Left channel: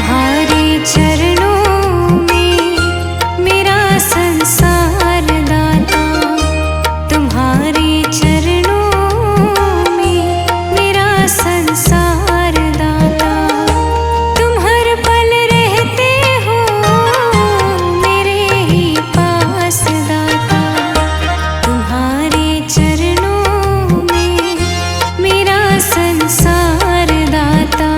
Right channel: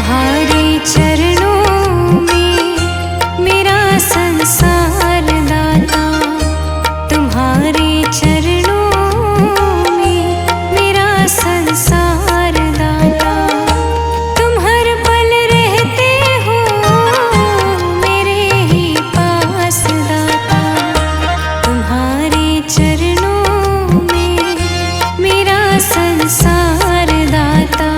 तुम्हारे चरणों में मेरा संसार दाता, तुम्हारे चरणों में मेरा संसार दाता। तुम हर पल रहते हो मेरे ही पास दाता, तुम्हारे चरणों में मेरा संसार दाता।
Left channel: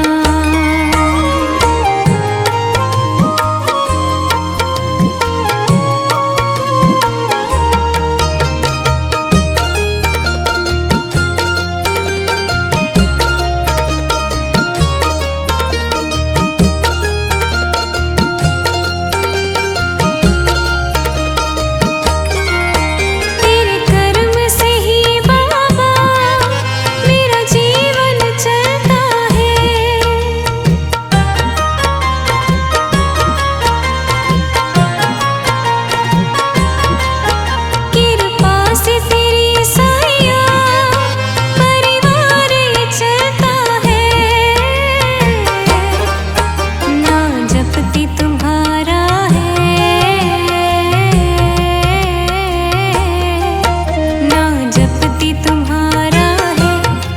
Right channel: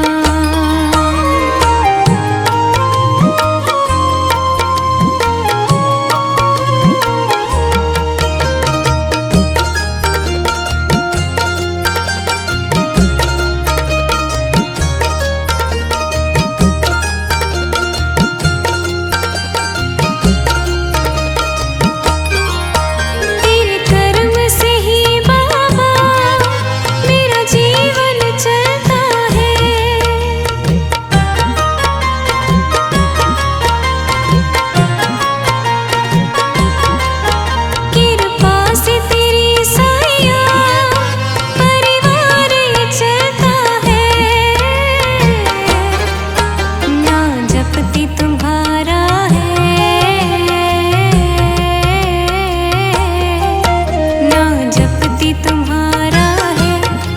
तुम्हारा है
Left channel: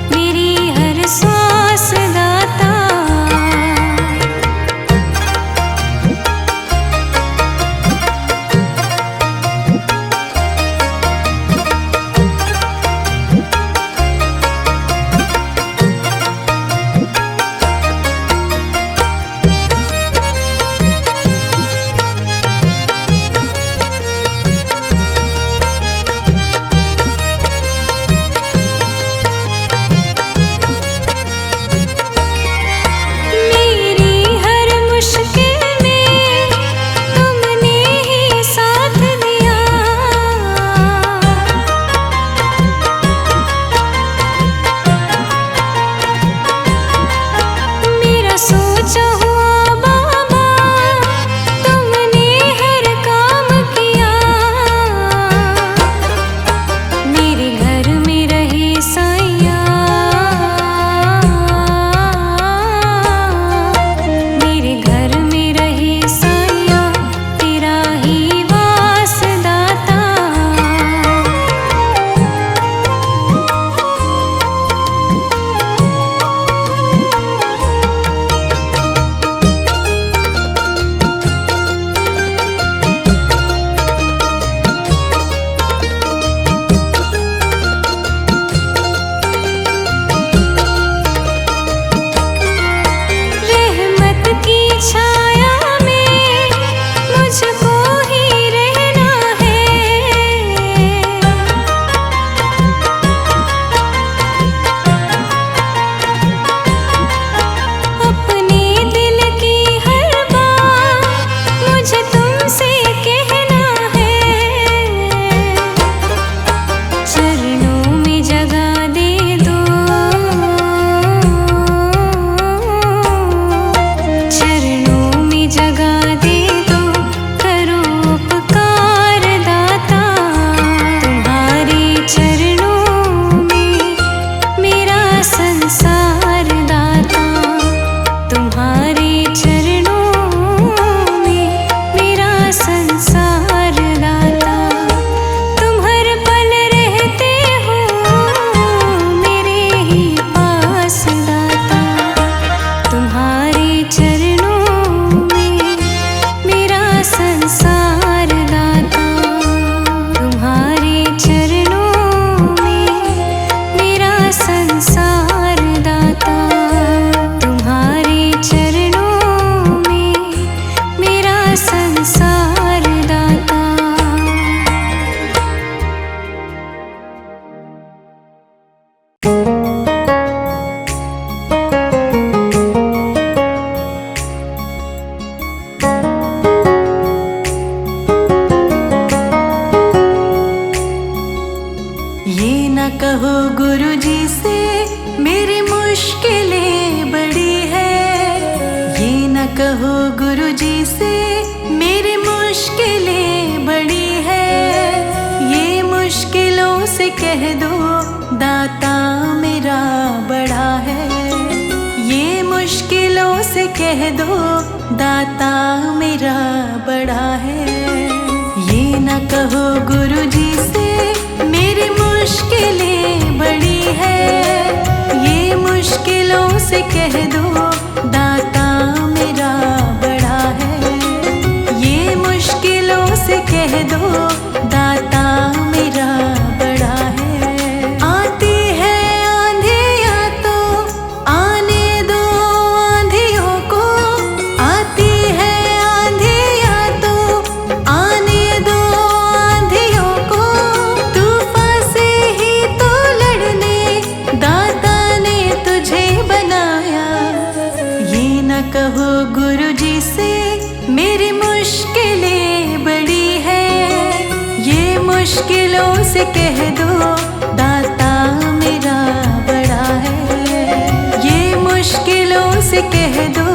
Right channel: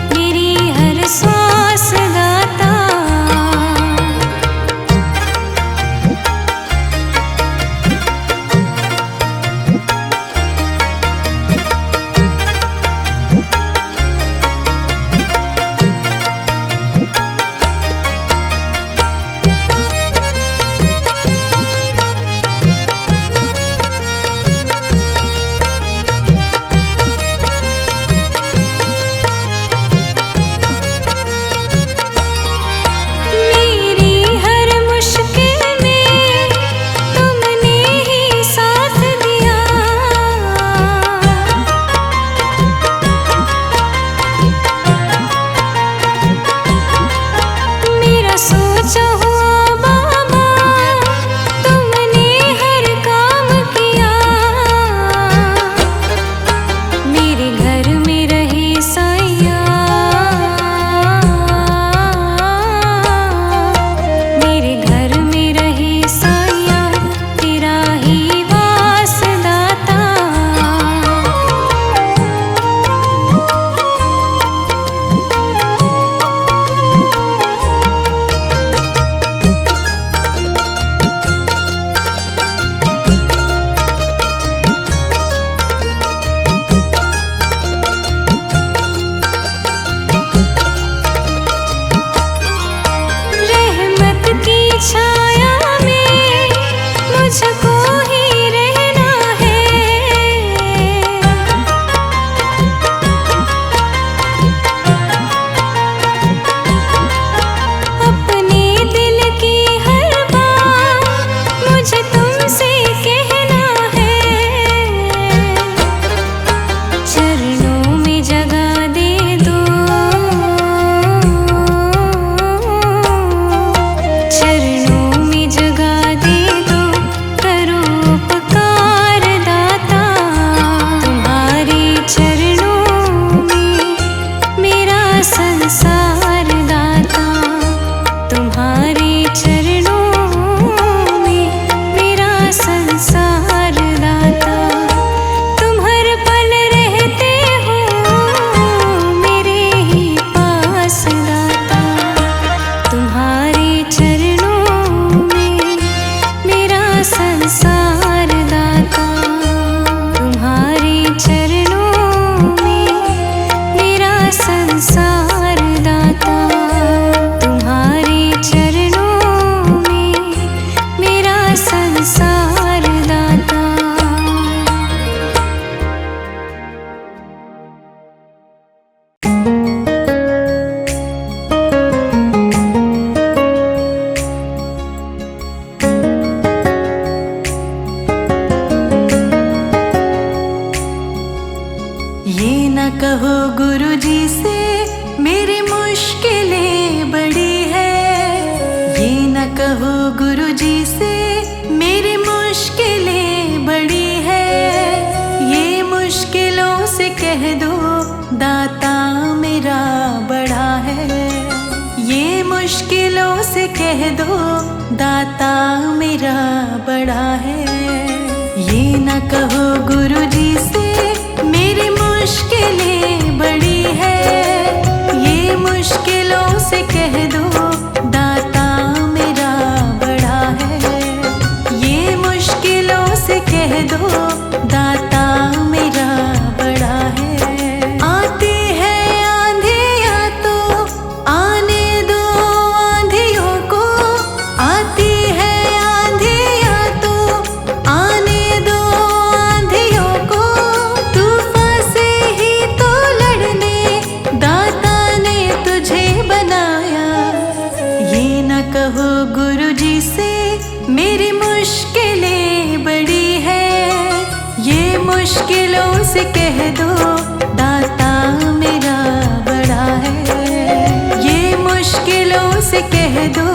मेरी हर सांस दाता। की छाया में मुझको ही रहना है, अपने दिल की हर बात मुझे तुमसे कहना है। चरणों में जगह दे दो, जगह दे दो, करो उपकार दाता। तुम्हारे चरणों में मेरा संसार दाता, तुम्हारे चरणों में मेरा संसार दाता। तुम हर पल रहते हो मेरे ही पास दाता, तुम्हारे चरणों संसार दाता, तुम्हारे चरणों में मेरा संसार दाता, तुम्हारे चरणों में मेरा संसार दाता। ये न कहो गुरुजी से मेरी मुश्किलें बड़ी है, ये न कहो गुरुजी से मेरी मुश्किलें बड़ी है। ये मुश्किलों से कह दो दाता मेरा बड़ा है, ये मुश्किलों से कह दो दाता मेरा बड़ा है। ये न कहो गुरुजी से मेरी मुश्किलें बड़ी है। ये मुश्किलों से कह दो दाता मेरा बड़ा है। ये मुश्किलों से कह दो दाता मेरा बड़ा है। आती है आंधियाँ तो आने दो आंधियों को। आती है आंधियाँ तो आने दो आंधियों को। तूफान से ही तो लड़ने दाता ने तुझे बनाया। ये न कहो गुरुजी से मेरी मुश्किलें बड़ी है। ये मुश्किलों से कह दो दाता मेरा बड़ा है। ये मुश्किलों से कह दो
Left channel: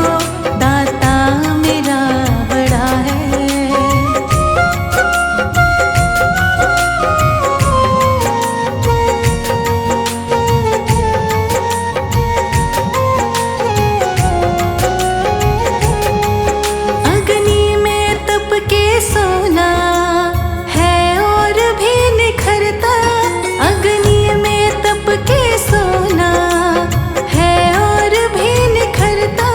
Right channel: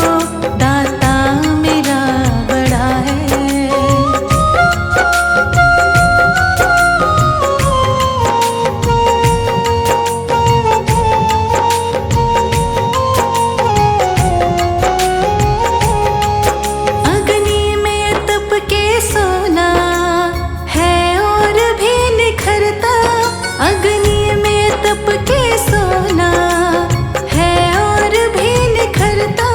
दाता मेरा बड़ा है। अग्नि में तप के सोना है और भी निखरता। अग्नि में तप के सोना है और भी निखरता।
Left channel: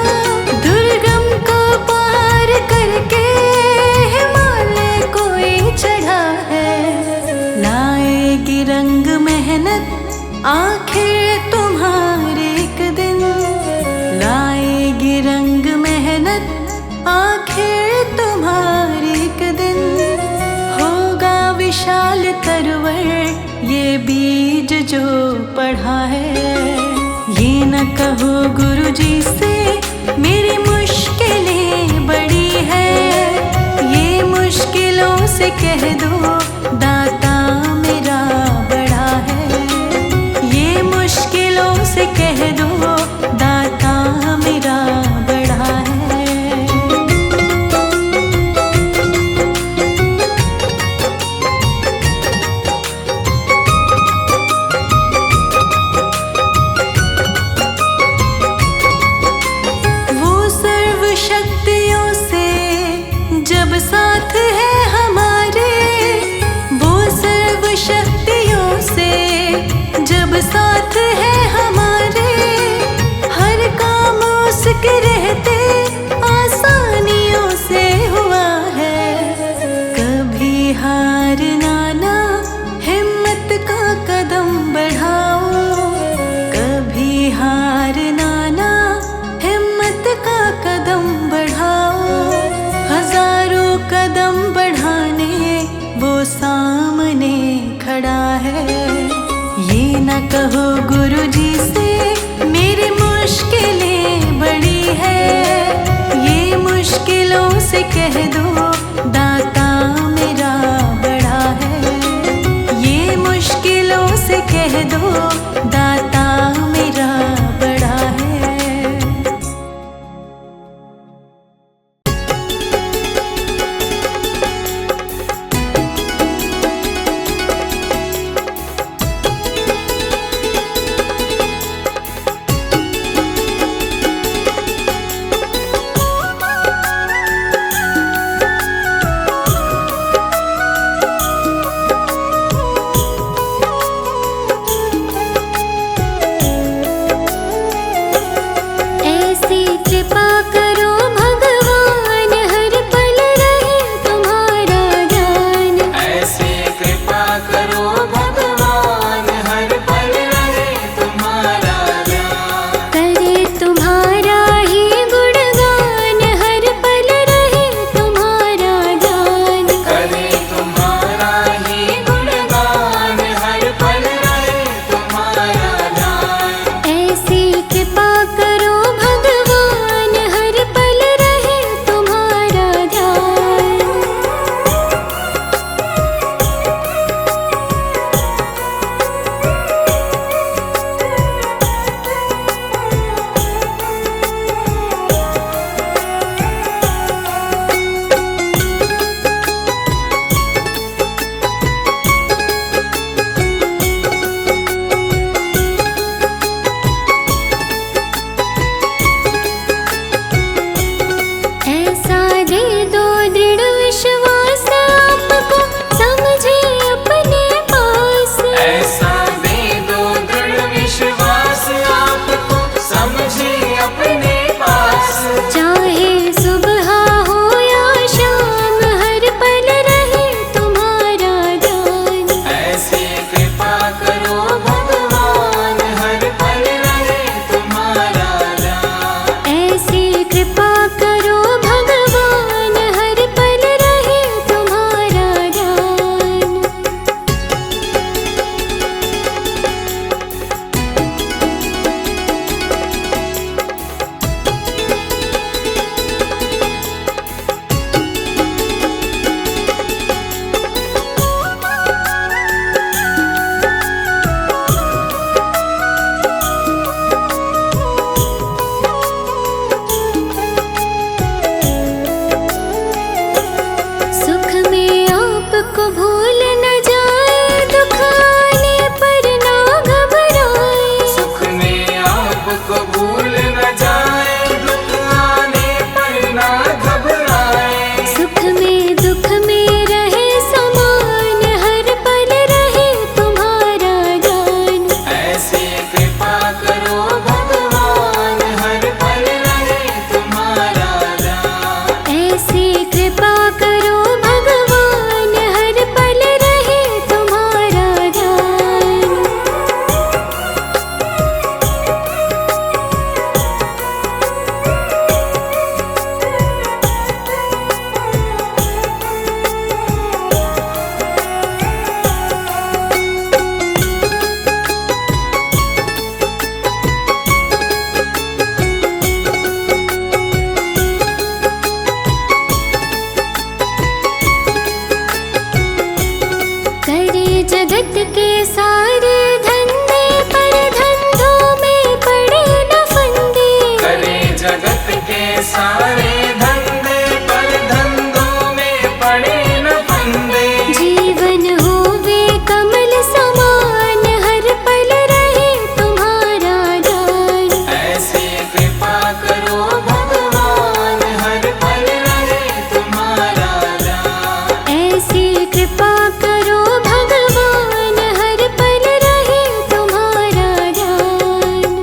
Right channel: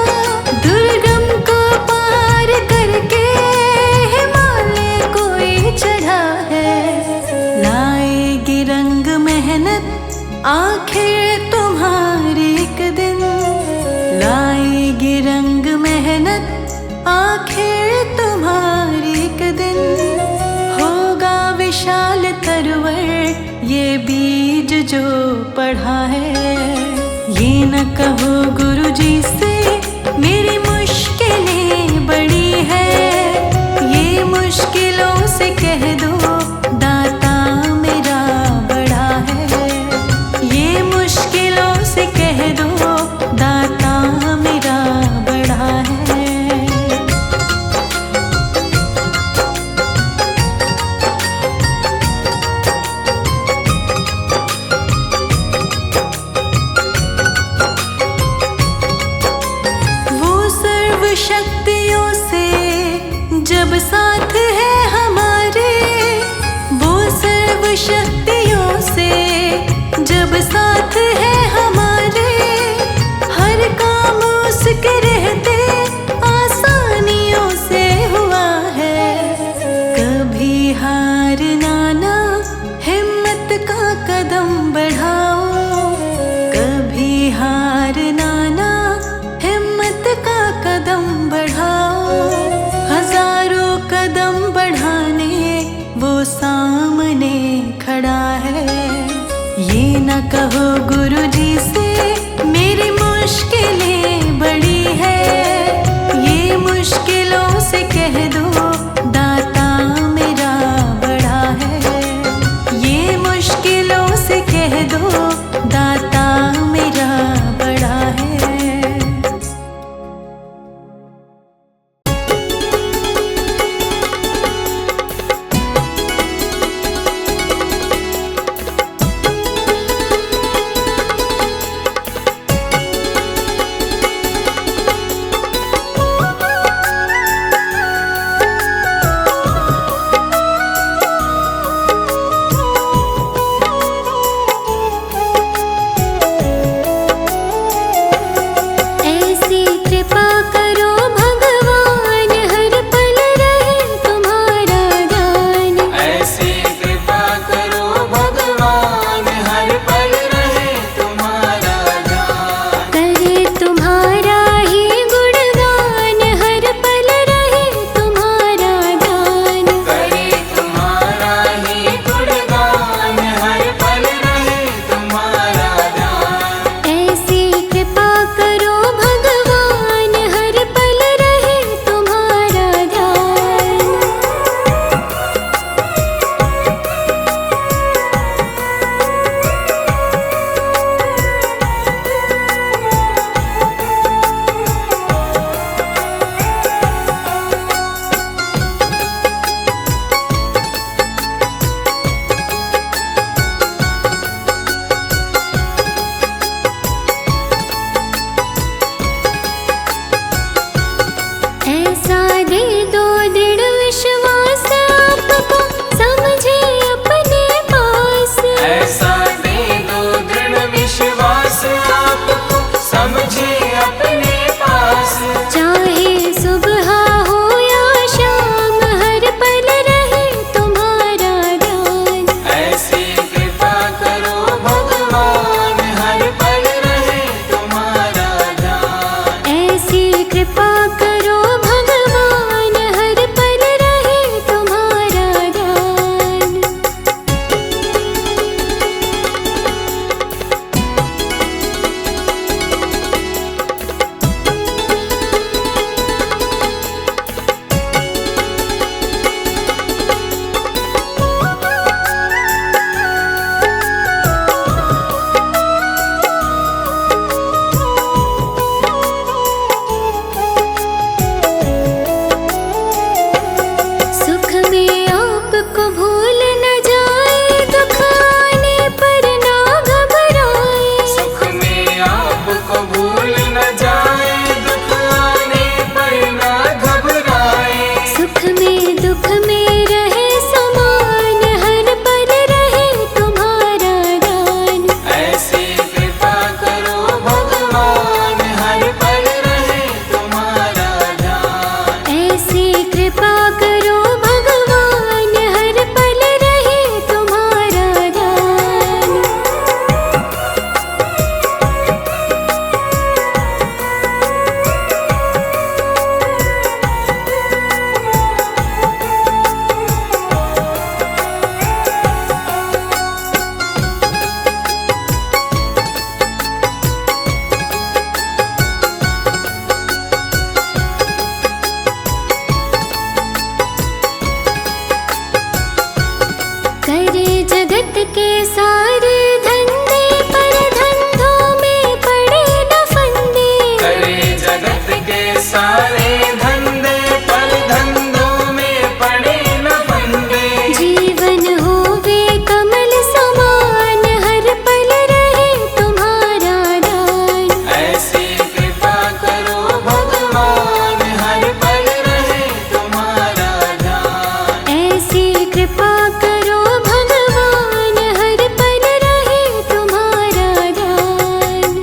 दुर्गम को पार करके हिमालय कोई चढ़ा है। लाएगी रंग मेहनत आखिर तुम्हारे एक दिन। लाएगी रंग मेहनत आखिर तुम्हारे एक दिन। होगा विशाल तरवर ये बीज जो पढ़ा है। ये न कहो गुरुजी से मेरी मुश्किलें बड़ी है। ये मुश्किलों से कह दो दाता मेरा बड़ा है। ये मुश्किलों से कह दो दाता मेरा बड़ा है। शक्तियों से जब साथ है हमारे। वो सर्व शक्तियों से जब साथ है हमारे। हर काम उसके रहते आसानियों से हुआ है। कभी हार ना हिम्मत का कदम बढ़ाओ। कभी हार ना हिम्मत का कदम बढ़ाओ। हजारों कदम बढ़ाने वो सामने खड़ा है। ये न कहो गुरुजी से मेरी मुश्किलें बड़ी है। ये मुश्किलों से कह दो दाता मेरा बड़ा है। ये मुश्किलों से कह दो दाता मेरा बड़ा है। ऐसा दे दो दृढ़ विश्वास आपको समझे अपने पास। ऐसा दे दो दृढ़ विश्वास आपको समझे अपने पास। चाहे सुबह हो या शाम हर पल रहे तुम्हारा ध्यान। ऐसी कृपा करो भगवान हर पल रहे तुम्हारा ध्यान। ऐसी कृपा करो भगवान हर पल रहे तुम्हारा ध्यान। सुख में आपको भूल न जाए, दुख आने पर ना घबराए। सुख में आपको भूल न जाए, दुख आने पर ना घबराए। सुख में दुख में रहे समान हर पल रहे तुम्हारा ध्यान। ऐसी कृपा करो भगवान हर पल रहे तुम्हारा ध्यान। ऐसी कृपा करो भगवान हर पल रहे तुम्हारा ध्यान। करे जगत के सारे धंधे पर धंधों में पड़े न फंदे। करे जगत के सारे धंधे पर धंधों में पड़े न फंदे। जीवन होवे कमल समान हर पल रहे तुम्हारा ध्यान। ऐसी कृपा करो भगवान हर पल रहे तुम्हारा ध्यान। ऐसी कृपा करो भगवान हर पल रहे तुम्हारा ध्यान।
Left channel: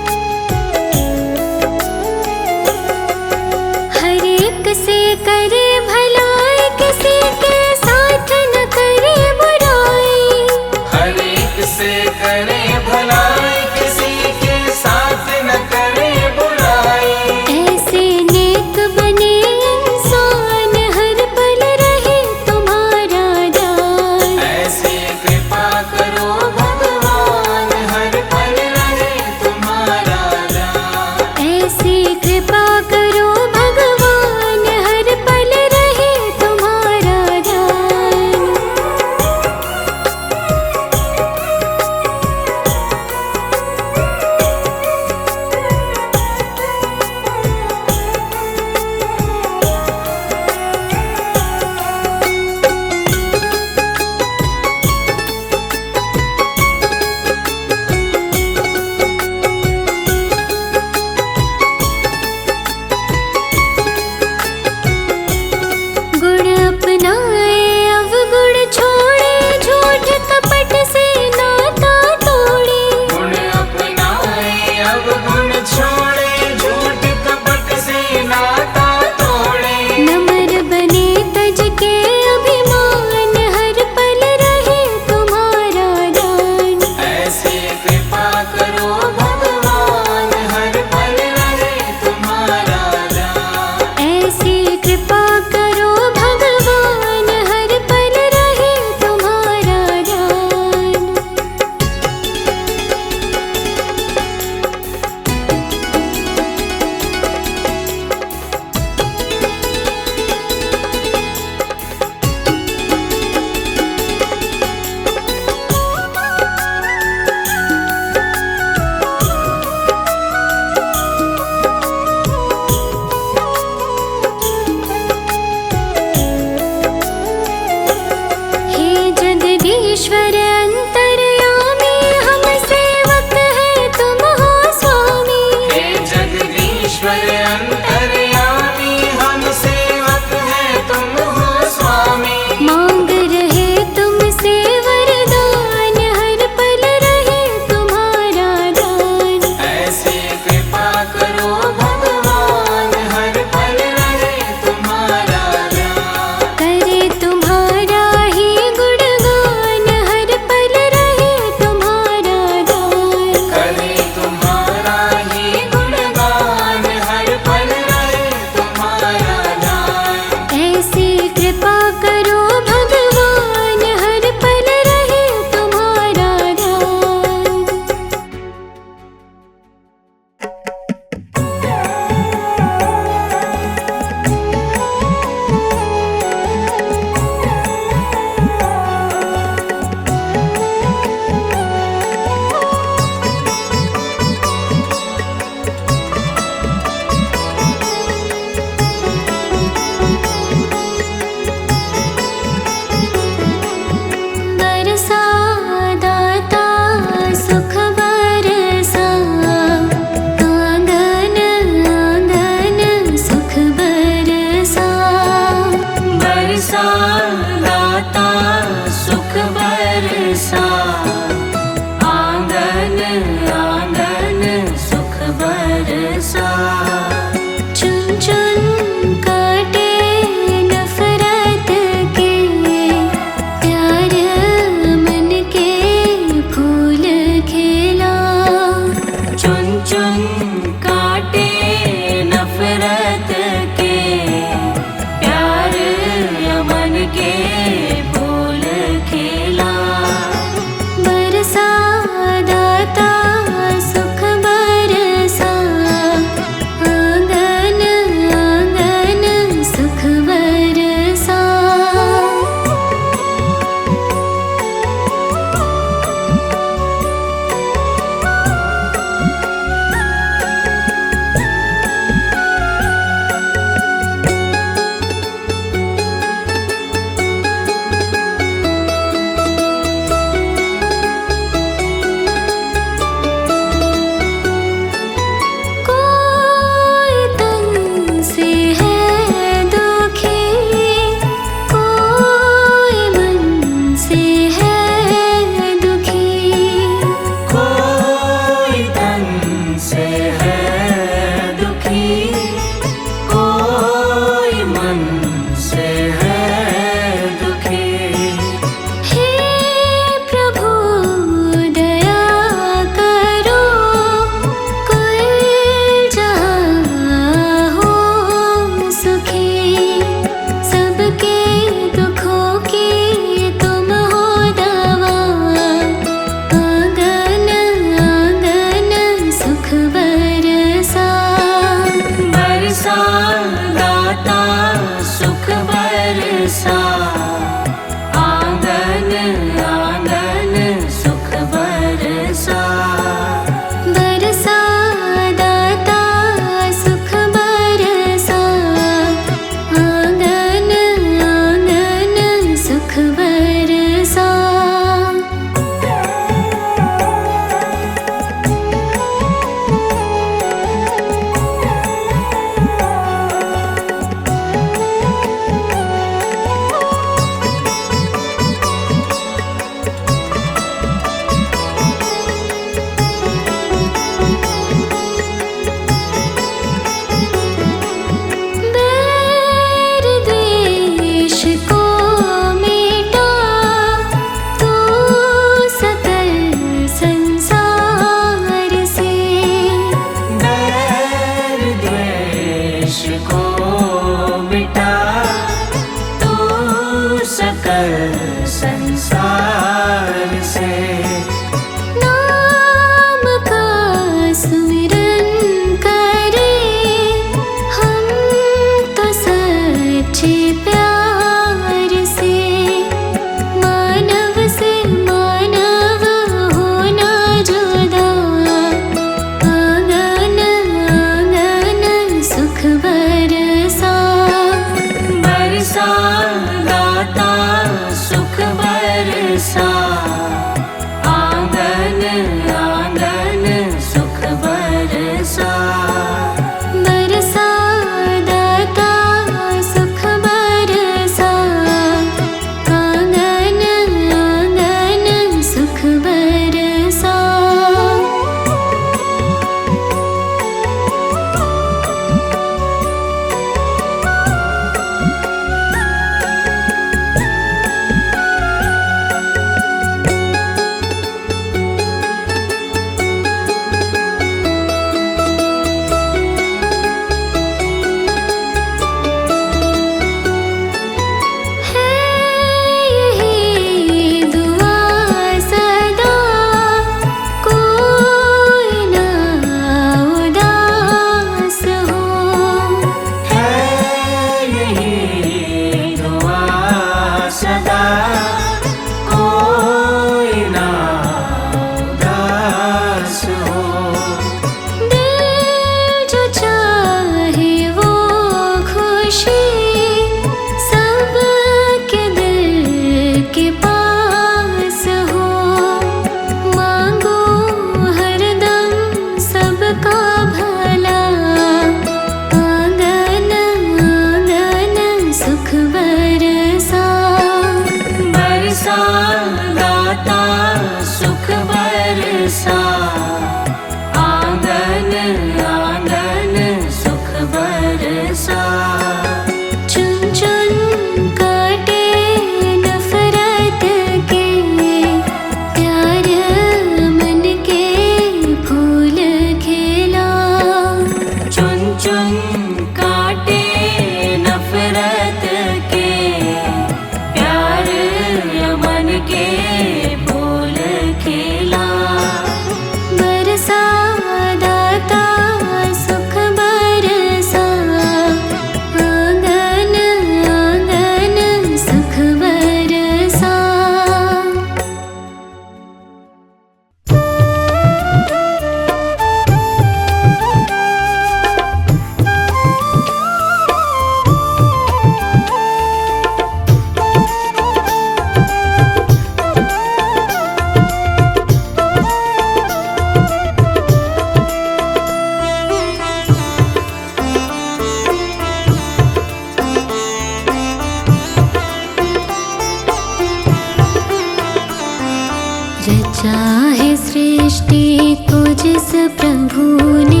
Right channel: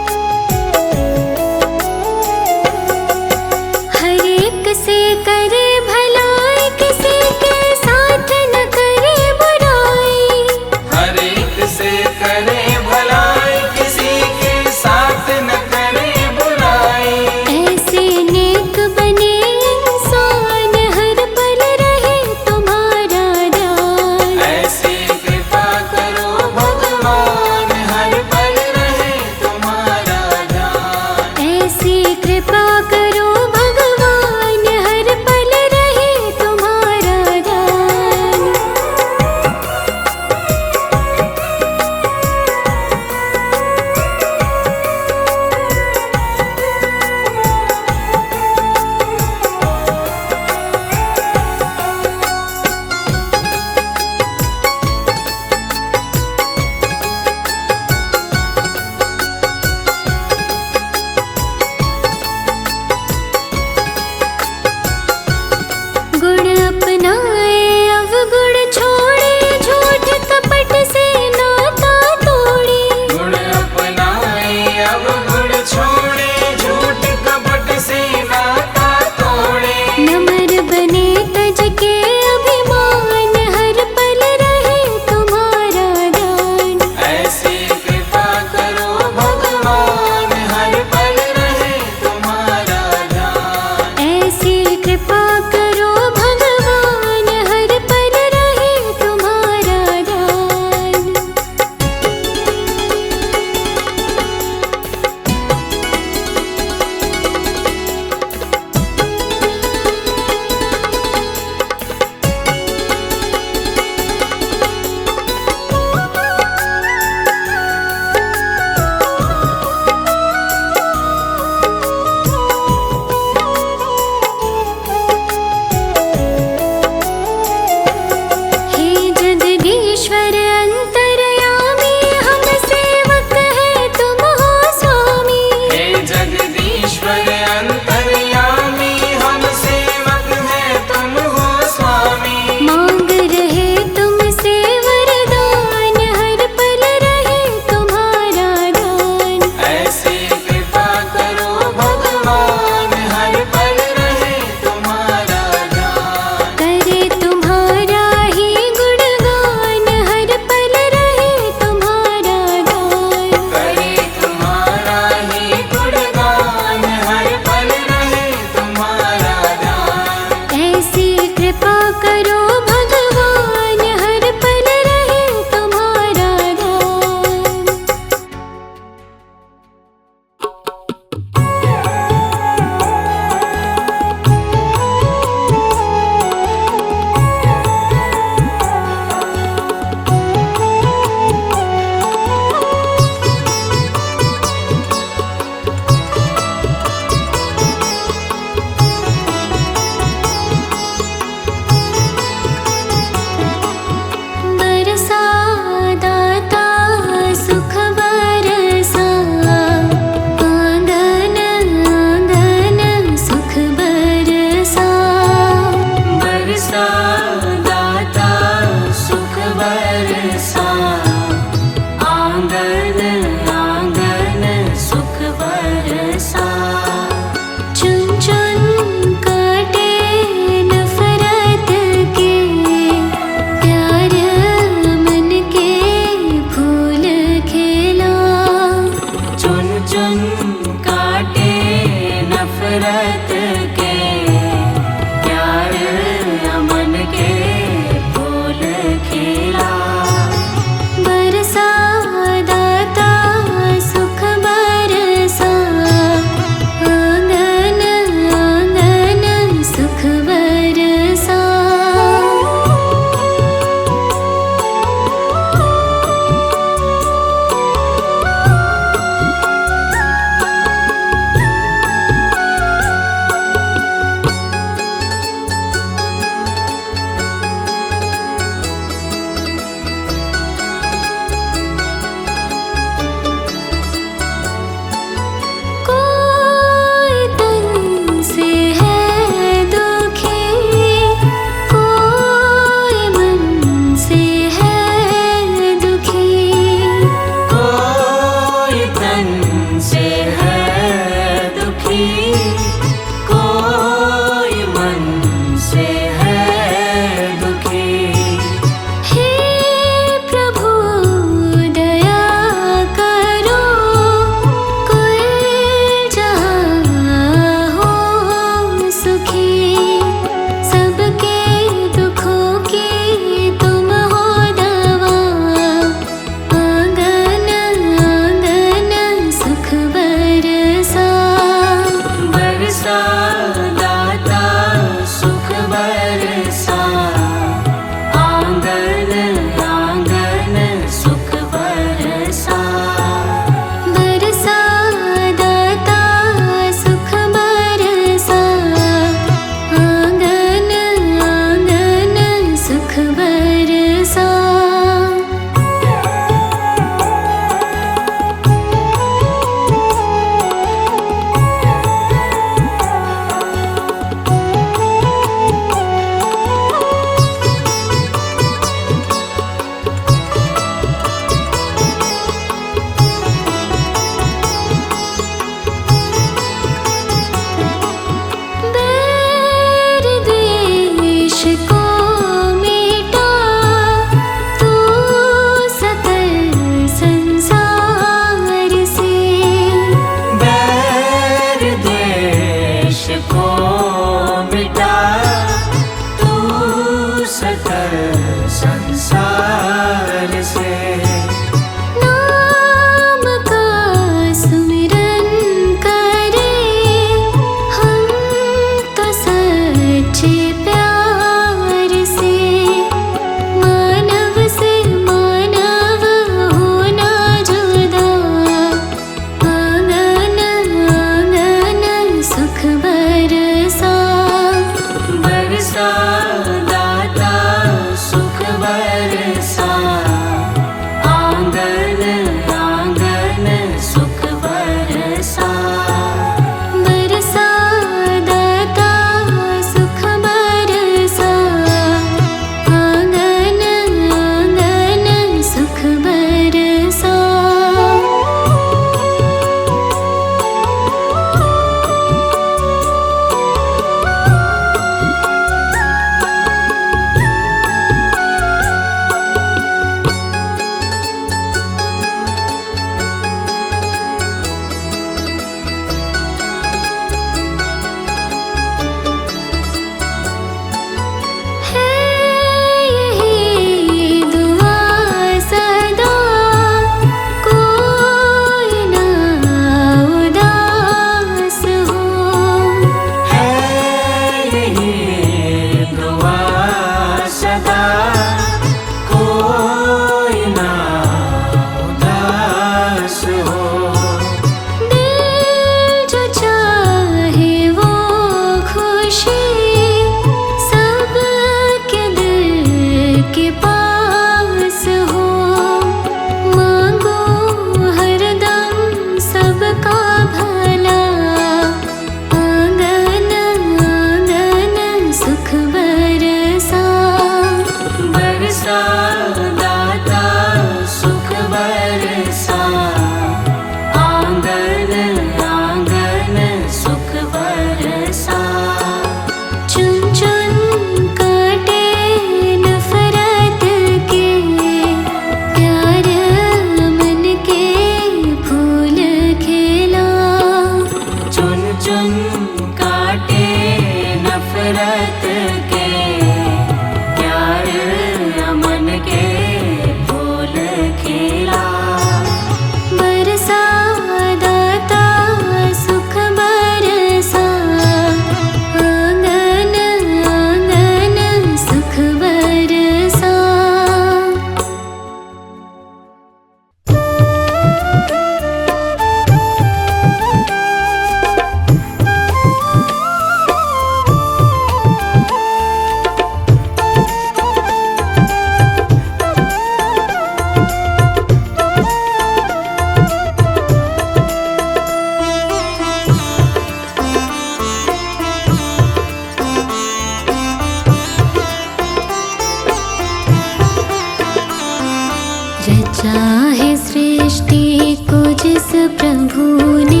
रचा है सृष्टि को जिस प्रभु ने,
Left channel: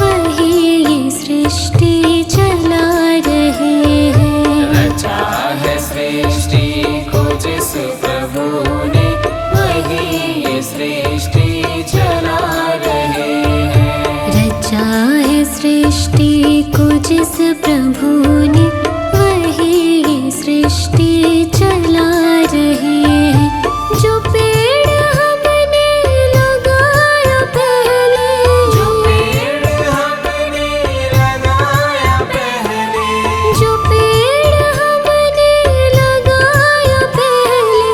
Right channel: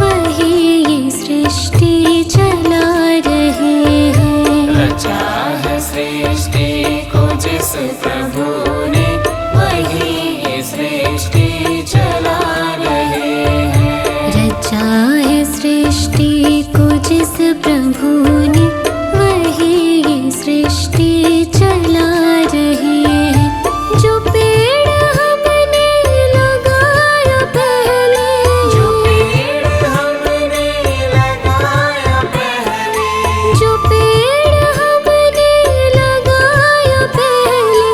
वही ये सृष्टि चला रहे हैं। रचा है सृष्टि को जिस प्रभु ने, वही ये सृष्टि चला रहे हैं। रचा है सृष्टि को जिस प्रभु ने, वही ये सृष्टि चला रहे हैं। जो पेड़ हमने लगाया पहले, जो पेड़ हमने लगाया पहले, जो पेड़ हमने लगाया पहले,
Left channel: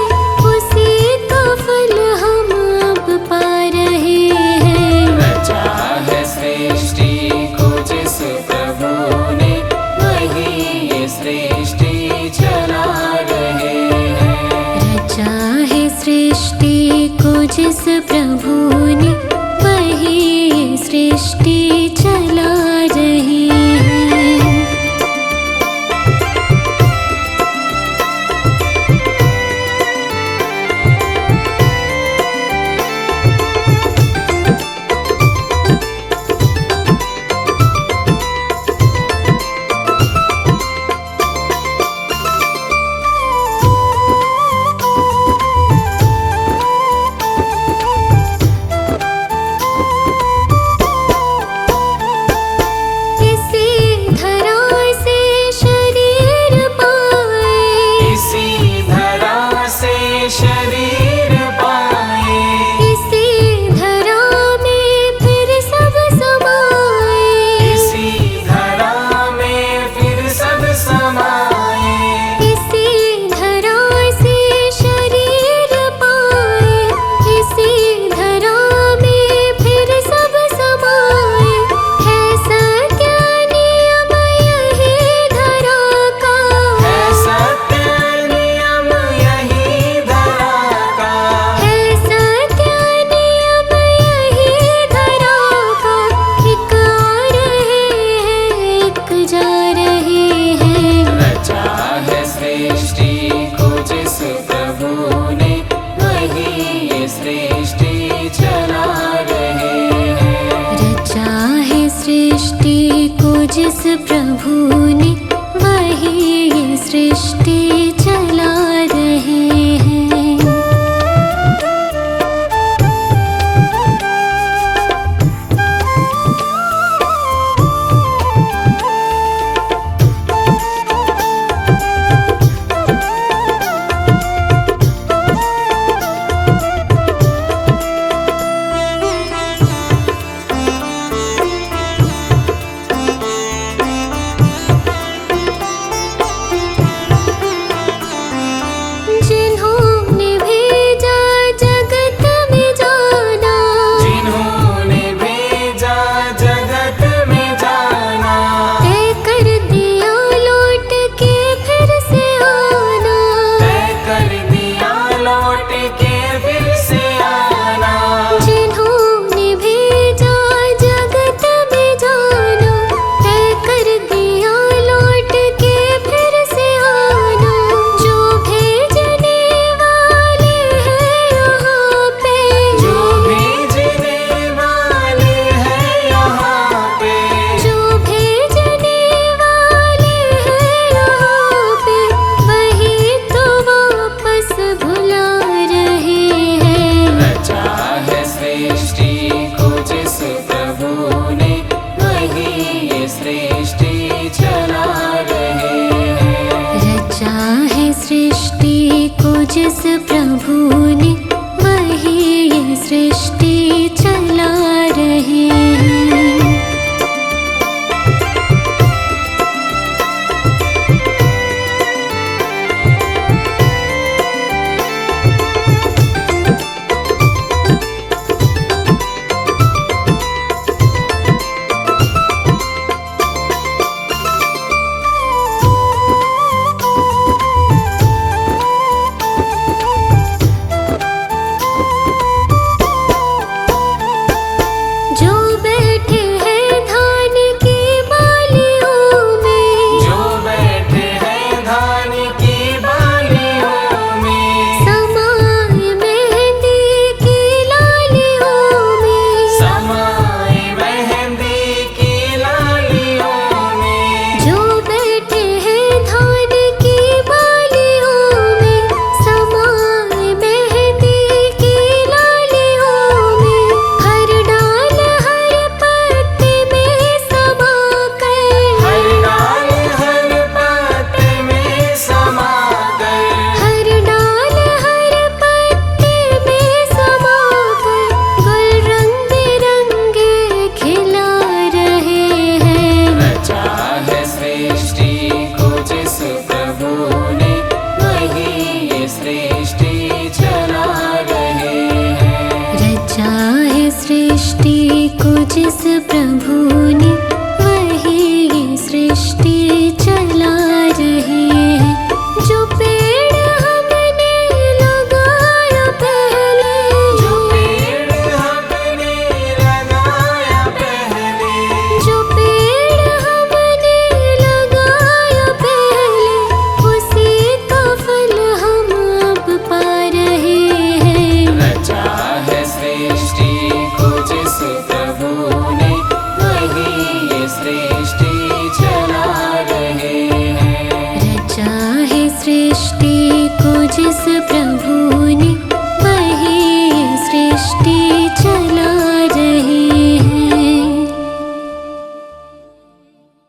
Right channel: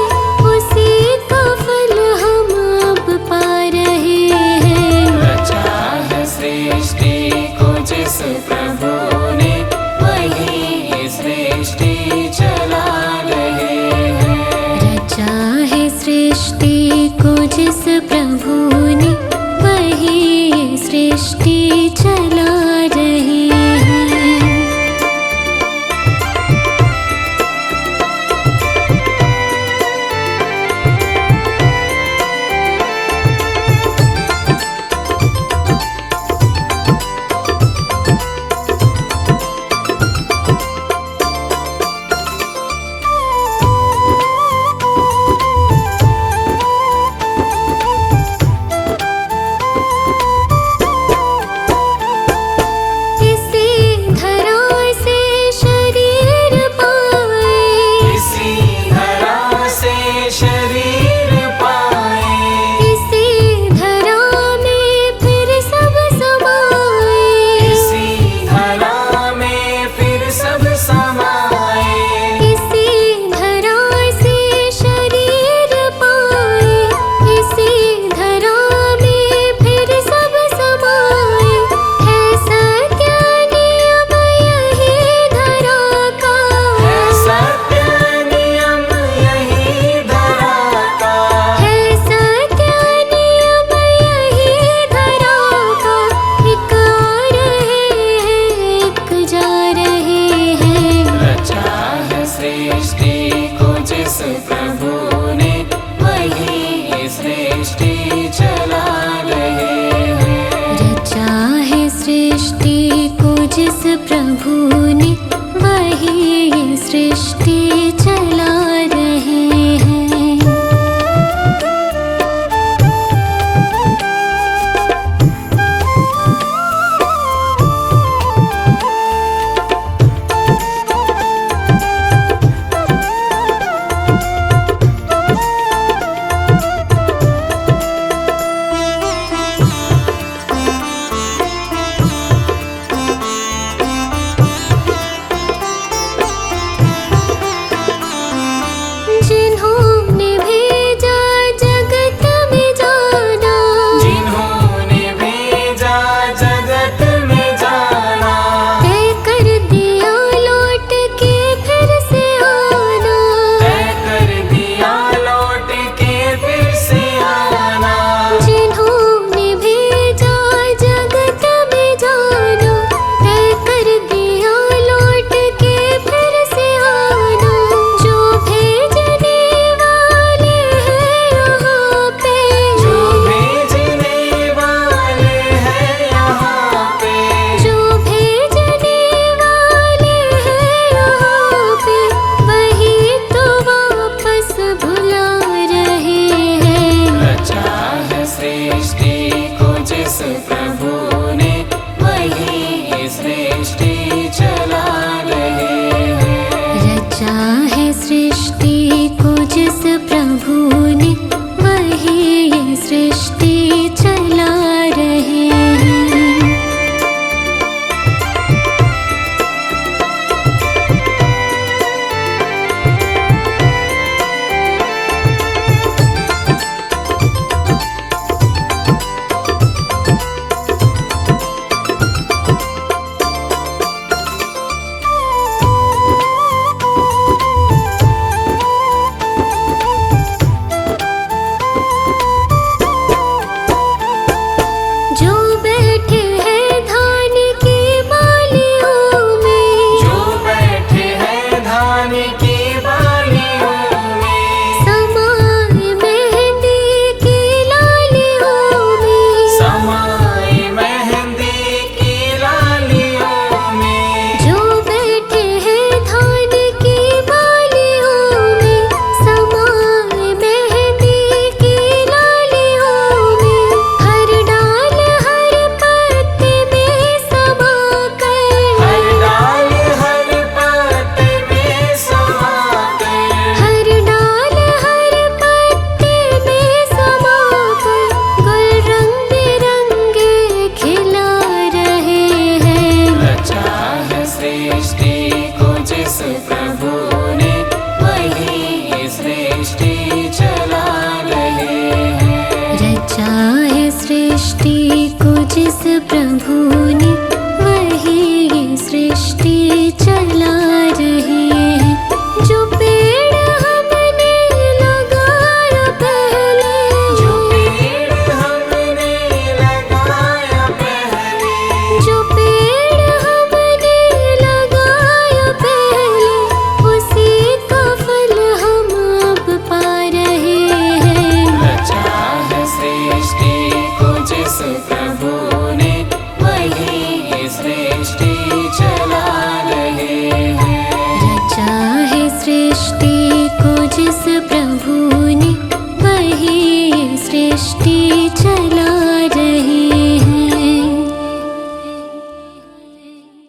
उसी का फल हम अब पा रहे हैं। रचा है सृष्टि को जिस प्रभु ने, वही ये सृष्टि चला रहे हैं। रचा है सृष्टि को जिस प्रभु ने, वही ये सृष्टि चला रहे हैं। इसी धरा से शरीर पाए, इसी धरा से शरीर पाए, इसी धरा में फिर सब समाए। इसी धरा में फिर सब समाए। इसी धरा से शरीर पाए, इसी धरा में फिर सब समाए। है सत्य नियम यही धरा का, है सत्य नियम यही धरा का, है सत्य नियम यही धरा का। एक आ रहे हैं, एक जा रहे हैं। रचा है सृष्टि को जिस प्रभु ने, वही ये सृष्टि चला रहे हैं। रचा है सृष्टि को जिस प्रभु ने, वही ये सृष्टि चला रहे हैं। जिन्होंने भेजा जगत में जाना, जिन्होंने भेजा जगत में जाना, तय कर दिया लौट के फिर से आना। तय कर दिया लौट के फिर से आना। जिन्होंने भेजा जगत में जाना, तय कर दिया लौट के फिर से आना। जो भेजने वाले हैं यहाँ पे, जो भेजने वाले हैं यहाँ पे, जो भेजने वाले हैं यहाँ पे, वही तो वापस बुला रहे हैं। रचा है सृष्टि को जिस प्रभु ने, वही ये सृष्टि चला रहे हैं। रचा है सृष्टि को जिस प्रभु ने, वही ये सृष्टि चला रहे हैं। जो रचा है सृष्टि को जिस प्रभु ने, वही ये सृष्टि चला रहे हैं। जो पेड़ हमने लगाया पहले, जो पेड़ हमने लगाया पहले, जो पेड़ हमने लगाया पहले, उसी का फल हम अब पा रहे हैं। रचा है सृष्टि को जिस प्रभु ने, वही ये सृष्टि चला रहे हैं। रचा है सृष्टि को जिस प्रभु ने, वही ये सृष्टि चला